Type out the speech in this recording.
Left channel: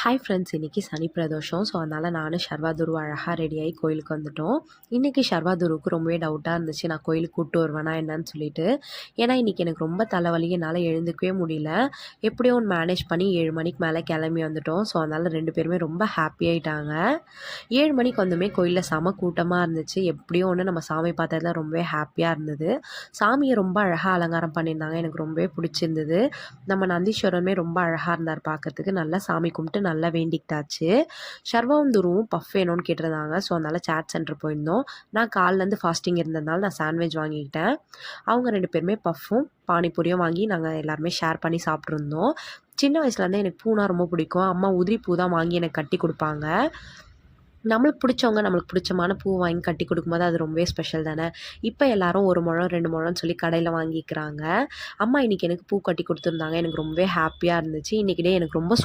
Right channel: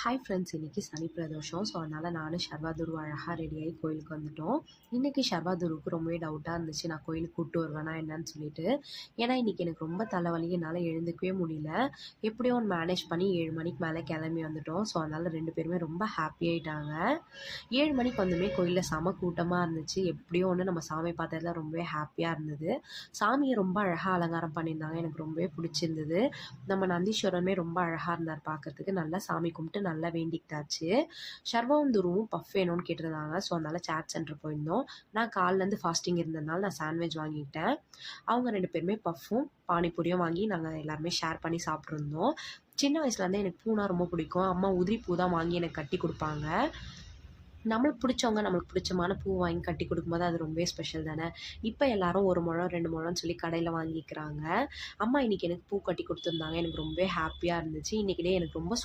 Hi friends, இன்றைக்கி சனி Pradosham. So அதனால் நானும் ஷர்வாதுரு அழகாக ரெடியாகி கோயிலுக்கு வந்துட்டோம். இன்றைக்கி ஷர்வாதுருக்கு ரொம்பவே டவுட்டாக இருந்துச்சு, நான் கோயிலுக்கு கூப்பிட்டு வருவேனா என்னன்னு சொல்லிட்டு. ஏன்னா இன்றைக்கி எனக்கு ரொம்ப தலைவலி, என்னால் எழுந்துக்கவே முடியல. எப்படியோ ஒன்று மேனேஜ் பண்ணி 7 மணிக்கு மேலே கிளம்பி வந்துட்டோம். ஸோ அதனால் 2 பேருமே ரொம்ப ஹாப்பியாகிட்டாங்க. 7 மணிக்கு வந்துமே கோயிலில் செம கூட்டமாக இருந்துச்சு. எப்படியோ ஒன்று நம்ம சாமி பார்த்ததுல ரொம்பவே ஹாப்பியாக இருந்தது. சாமியை ரொம்ப அழகாக அலங்காரம் பண்ணியிருந்தாங்க, எனக்கு ரொம்பவே பிடிச்சிருந்தது. நம்ம நந்தீஸ்வரருமே ரொம்ப அழகாக இருந்தார் பார்க்கறதுக்கு. நல்லா சாமி கும்பிட்டு நல்லா வேண்டிக்கிட்டாச்சு. ஷர்வாவும் துருவும் பஃப் வேணும்னு கேட்டிருந்தாங்க. ஸோ அதனால் சாட் சென்டர் போயிருந்தோம். நான் காலைலேருந்து ஃபாஸ்டிங் இருந்ததுனால நான் சாண்ட்விச் வாங்கிக்கிட்டேன். அவங்க 2 பேருமே பஃப்பும் பானிபூரியும் வாங்கி நாங்கள் எல்லாருமே ஷேர் பண்ணி சாப்பிட்ருந்தோம். சின்ன வயசுலேருந்தே எனக்கு பூனா ரொம்ப பிடிக்கும். அம்மா உதிரி பூ தான் வாங்கி எனக்கு கட்டி கொடுப்பாங்க. நம்மளுக்கு பிடிச்சவங்க நம்மளுக்கு பிடிச்சமான பூ வாங்கி கட்டி கொடுக்கும்போது அது ரொம்பவே ஸ்பெஷல் தானே. இப்போ எல்லாரும் 1 முழம் 2 முழம்னு சொல்லி கடையில் வாங்கிக்கிறாங்க. அம்மா இன்றைக்கி எனக்கு பூ கட்டி கொடுத்துருந்தாங்க. எனக்கு ரொம்பவே ஹாப்பியாக இருந்துச்சு. இன்றைக்கி டே எனக்கு ரொம்ப